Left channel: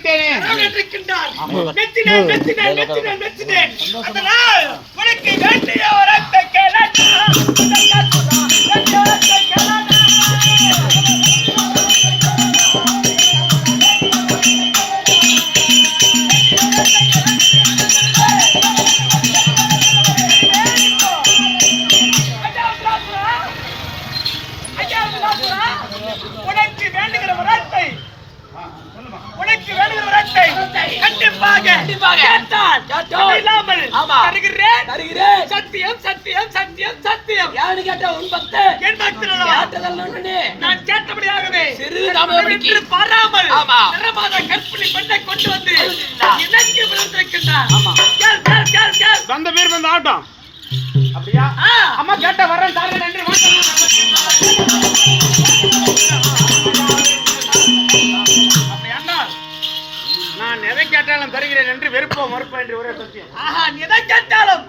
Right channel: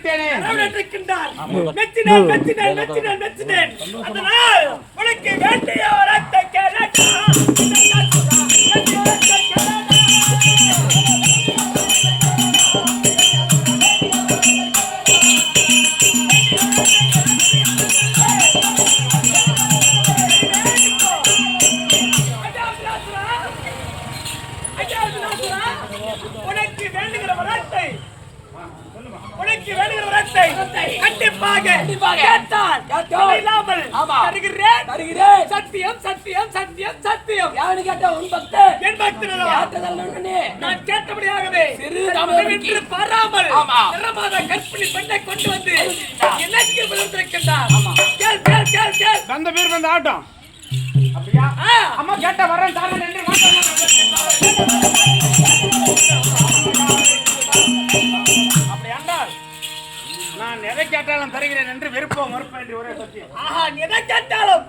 கடவுள் இருக்கின்றார். மெச்சினேன், மெச்சினேன், மெச்சினேன், மெச்சினேன். அதனால் உனக்கு வேண்டிய வரத்தை கேளடா. வேண்டிய வரத்தை கேட்டால். இல்லாமல் தருகிறேன். தருகிறேன். சத்தியம் சத்தியம் சத்தியம் சத்தியம். யாரு கேட்ட உன் பக்தன்? என் பக்தன்? கேட்டதல்ல உடனே நான் கேட்டபடியாகவே சிறு என் தாமதப்படுத்தி. மகனின்று பாராமல். நிறமாத கற்பிணி பெண்ணை கொண்டு வந்து. எனக்கு விழுந்திருக்கின்றார் கேள் கேள் கேள் கேள். வந்த பேர் வந்த ஆட்டம். அப்படியா? ஆ. அம்மா கேட்ட வரேன் தாங்க நன்றி வெறுப்போ மறுப்போ என்று ஒரே சத்தியம். ஆஹா எதை கேட்டாலும்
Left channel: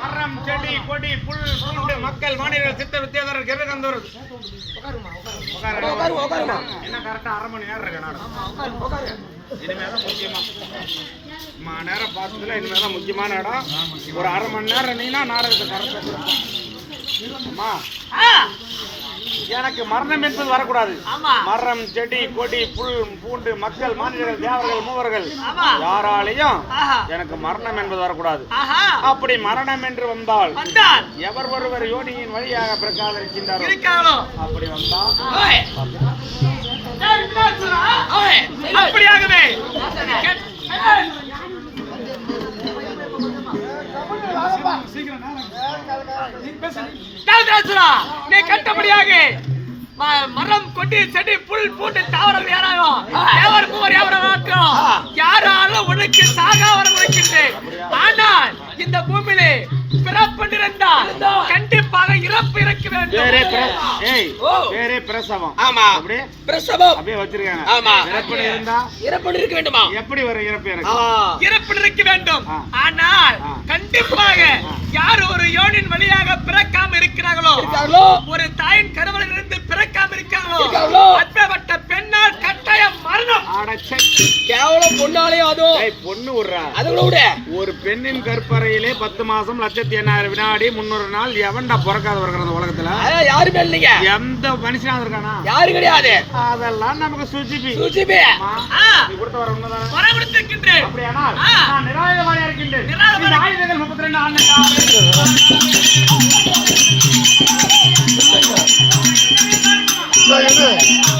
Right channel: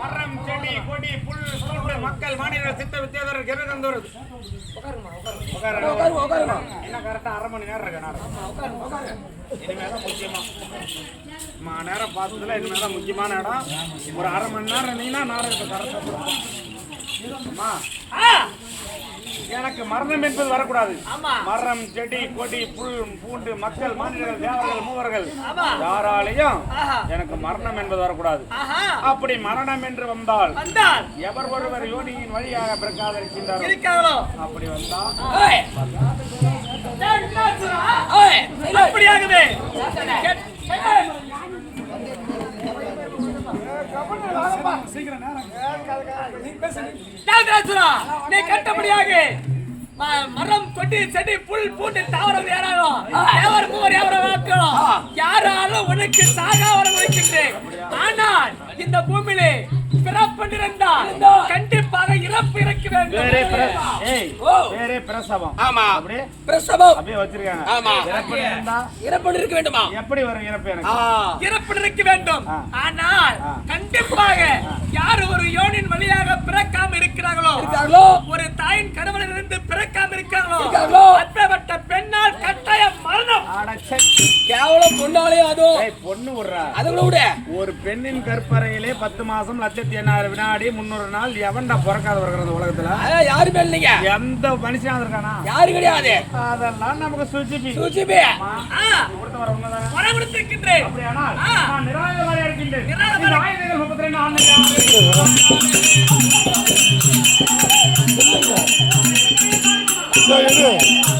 மரம் செடி கொடி புல் பூண்டு மக்கள் மாநில சித்த வித்தியாதர் கிரகந்தோர் என்ன கரெக்டா அரை மணி நேரம் இருக்கு நாடகம். இனிமேதான் முக்கியமா. நேரம் பார்த்ததுல இனிமேதான் முக்கியமான இடம். ஒரு அரை மணி நேரம் நீனா நாடகத்தை கரெக்டா. எனக்கு மரணம் என்பது வரக்கூடாது. மரம் செடி கொடி புல் பூண்டு மக்கள் மாநிலங்கள் தேவர்கள் மூவர்கள். யாராலையும். எனக்கு மரணம் என்பது வரக்கூடாது. அப்படி மரணம் என்று வந்தால் எவர் ஒருவர் யோனியின் வழியாக பிறக்காதிருக்கின்றார் அப்படி வந்தால் அப்படியாகவே விலாசுரா, நீ கட்டபடியாக மரம் கொடி செடி புல் பூண்டு தாவரம் மூவர் யாவரமாக்கும் யாராலும் உனக்கு சாகா வர வைக்கின்றேன். ஆனால் இந்த பூமியிலே பிறப்பிருந்தால் கண்டிப்பாக இறப்பு பிர- வேண்டும். பிரசவம். ஆமா. அப்படியே? பிரசவம். அப்படியே வச்சிருக்காங்க. ஆமா. இறப்பு இருக்க வேண்டுமா? எப்படி வரும் இறப்பு எனக்கு? இறப்பு இருக்க வேண்டும். ஆனால். கண்டிப்பாக யார் ஒரு யோனின் வழியாக பிறக்காம இருக்கிறார்களோ? ஒரு தாயின் கருவலில் இருந்து பிறக்காம இருக்காங்களோ கேவலம் பொண்ணாலையும் அதுவும் பொண்ணு விடுறா. அது கூட விட. ஒரு பெண்ணின் கற்பறையிலே பத்து மாசம் லட்சத்தி எண்ணாயிரம் வினாடி முன்னூறு நாள் எவன்டா பிறக்காத வருகிறது உலகத்துல? யாருமே இல்லைங்க எந்த மனுஷனா இருக்கானா? யாரு கிடையாது. அதெல்லாம் நமக்கு சுஜிபி. சுஜிபி. இருக்கின்றேன். நிராயுதபாணி. இந்த ஆயுதங்கள் 32 ஆண்டுகளாக செல்வங்க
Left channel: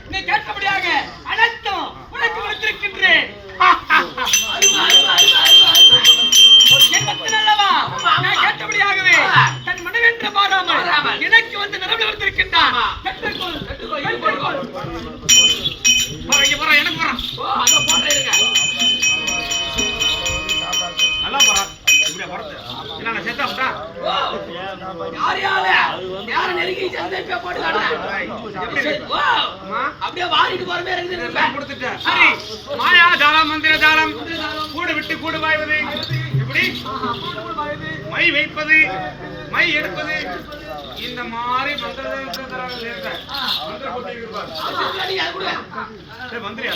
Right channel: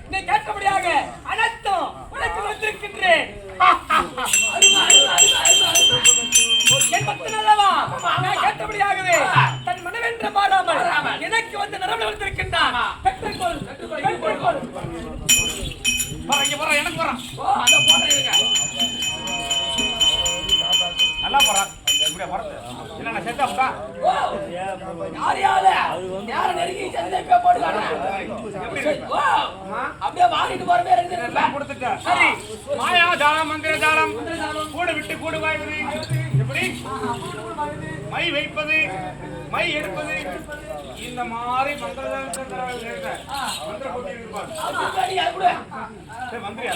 அப்படியே போறமே இருக்குது நான் கொடுத்துட்டேன். சரி. மாயா ஜாலம் மந்திர ஜாலம் கூடு விட்டு கூடு வாய்வது. எப்படி? மை வைப்பது மை எடுப்பது. இந்த மாதிரி மந்திர ஜாலத்தில் இருக்கிறேன். மந்திர போட்டி இருக்கு பாரு. அது கூட சரி, மந்திரியா?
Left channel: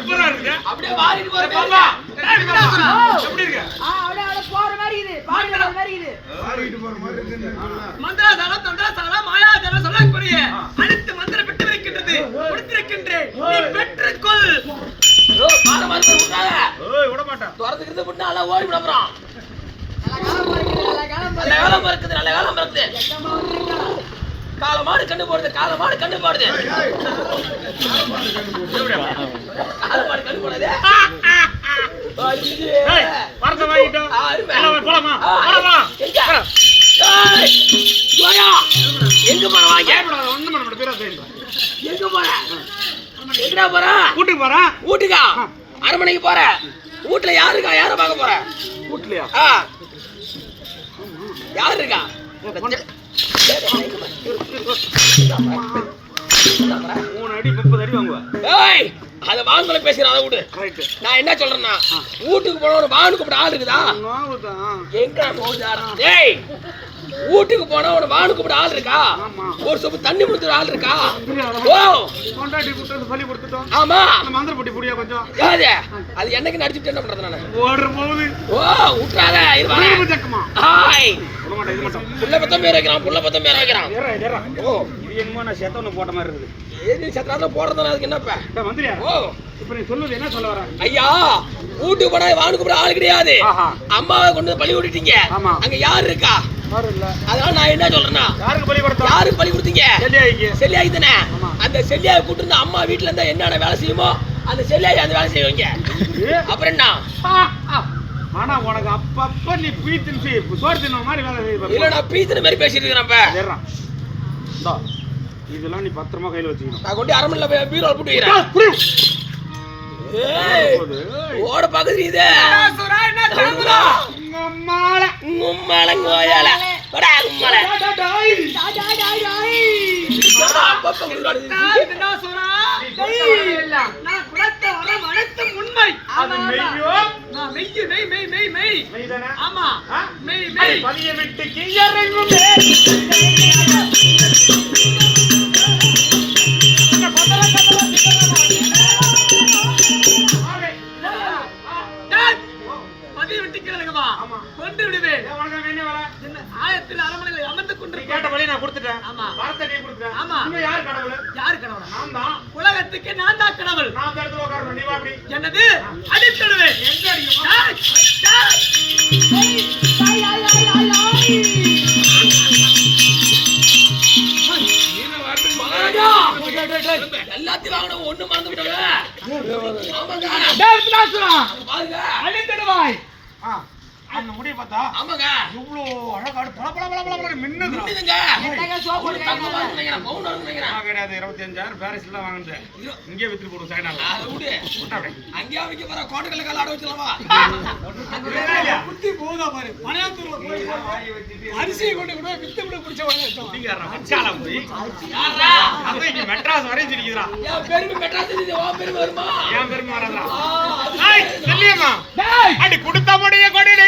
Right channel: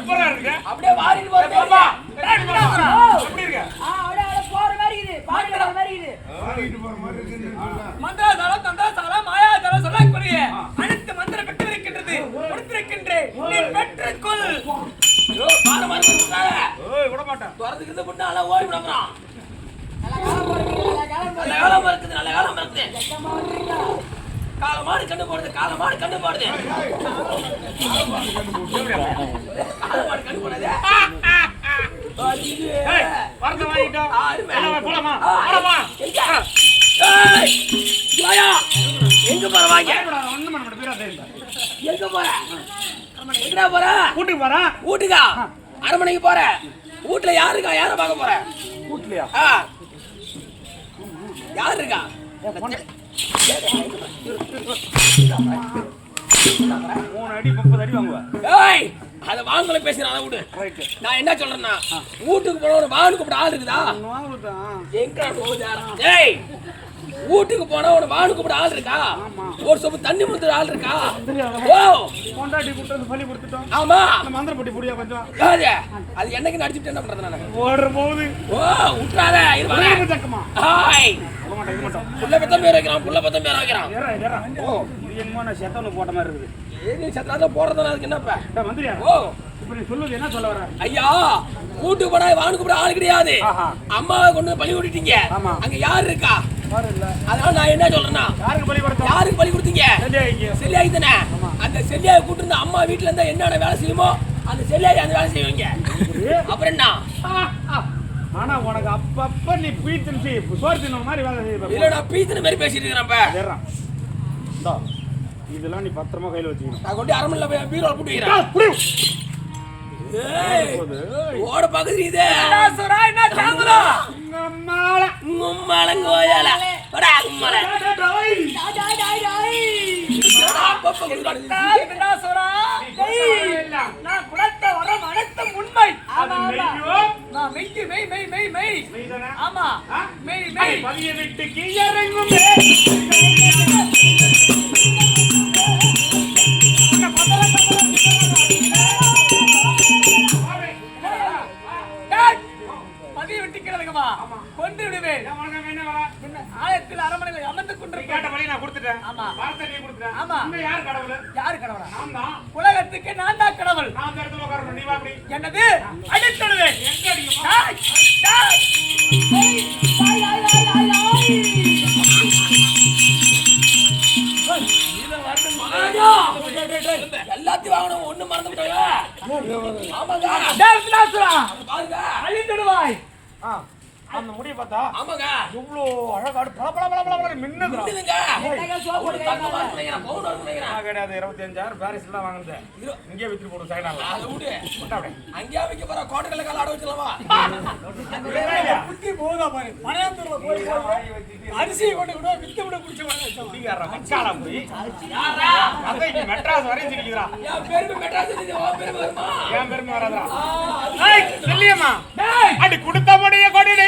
எப்படிடா இருக்கு? அப்படியே வாரிட்டு போறமே பாப்பா, எப்படி இருக்கு? எப்படி இருக்கு? மந்திரசாலம், தந்திரசாலம், மாயாஜாலம் சொல்லக்கூடிய அனைத்து மந்திரம் பெற்று இருக்கின்றது. கொடுத்திருக்கின்றேன் நீ பெற்றுக்கொள். பாரு மருந்து விட்டாங்க ஏய், விட மாட்டேன். துரத்துக்கிறது விட்டு நல்லா ஓடி விட அப்புறம் நல்ல காலம் இருக்குது நல்ல காலம் இருக்குது கால மாடு கண்டு போடுது கால மாடு கண்டு போடுது. கால மாடு கண்டு போடுது. ஏய், வரத்தை வாங்கிட்டோம். போலாமா? ஆ, போலாமா? எங்க? போற வாங்க? தெரியும். எங்க போற? எங்கடா போற? கூட்டிட்டு போறேன் வீட்டுக்கா அரண்மனைக்கு போற? வீட்டுல யாரு இருக்கா? யார பார்க்க போற? கூட்டலையா ஆ. யாரு இருக்கா? மூணு அடி முப்பது அடி வாங்குவேன் ஏய்! அத வாங்கல பேசுறேன் அதை விடு. நான் என்ன சொல்றேன்னா வீட்டுக்கு போன வானு கூப்பிட ஆள் இருக்குதா? எங்க போகுதாரா ஏய் வீட்டுக்கு போனா உன வானு கூப்பிட ஆள் இருக்கா? ஒரு சொப்பு தண்ணி கொடுத்துற ஆள் இருக்கா? ஓ ஆமா. மந்திர பொட்டி புடியா கொஞ்சம். அது என்னைக்கு நடிச்சுட்டு என்ன பண்றது நானு? ஓடுற போகுது. ஓ விட்டுறாத இது வரேன் புள்ள பத்தம் பேர் வைக்கிறான் புள்ள பத்தம் பேர் வைக்கிறான். ஓ இது என்னமோ நான் செத்தவனு போட்ட மாதிரி இருக்குது. ஏறி சத்திரத்துல போடுறதுனா அதுக்கு என்னப்ப? மந்திரியா ஓ. ஐயா வீட்டுக்கு போனா வானு கூப்பிட ஆள் கிடையாது. அம்மாவை கொண்டு பழி விட்டுட்டீங்க. அங்க யாரு இருக்கா? அதனால நான் என்ன சொல்றேன்னா யாருக்கு பழி கொடுத்தீங்க? செல்லியாய் தானே? அந்த செல்லியாயை கூட்டு இருந்த அம்மா வீட்டுல இருந்தா என்னென்ன வேலை செய்யுமோ அந்த செல்லியாய் அந்த வேலை செய்வீங்க. அப்புறம் என்ன? ஆனா உனக்கு அப்பப்ப நீ பீ தின்சி சோறு தின்ன மாதிரி வேலை செய்ய இல்ல நான் பீத்தின மாதிரி பேசிட்டு இந்தா இதெல்லாம் நீ பத்திரமா கையில வச்சுக்கணும். நான் கொண்டு அரண்மனையில போய் பீரோல் போட்டு வைக்கிறேன். ஓட பாக்குது இது. சுரா என்ன வடா உம்மல நான் குலத்த வரம் அனைத்தும் உண்மை. அது மெய்யோ? நான் மெய் மெய் மெய் மெய் மெய். மெய்தானே? ஆமா. ஆ? மெய் மெய். பதிய விட்டு கீழறங்கும் தான். உலகத்துக்கு நான் தான் கடவுள். நான் உட்காரணும். நீ. என்னது? அடித்தடுவேன். எங்க எல்லாத்தையும் வாங்கணும் ஒண்ணு மறந்து ஆமாங்க. பாருங்க. அழித்திடுவாய் ஆ, அந்த முடியை பார்த்தா ஆமாங்க. இவ்வளோ அழகாடு பல பல பல பல பல கிடையாது இருபத்தஞ்சாயிரம் பாரிஸ்ல தான் வாங்கினேன். இங்கே வித்துட்டு போடும் விடு. அங்கேயே வைக்க போற கோட்டைகளை கால ஆட வச்சிடலாமா? புத்தி போதா பாரு. பழையாத்தூர்ல போய் அரிசியை கொண்டு கூட வித்து விட பிடிச்ச யாரா? மெட்ராஸ் வரையும் சிரிக்குதுடா. என் பெருமை மெட்ராஸ் உன் பெருமை வருமா? என் பெருமை வராதுடா. டேய். அடி கொடுத்த முடிய கொடிலே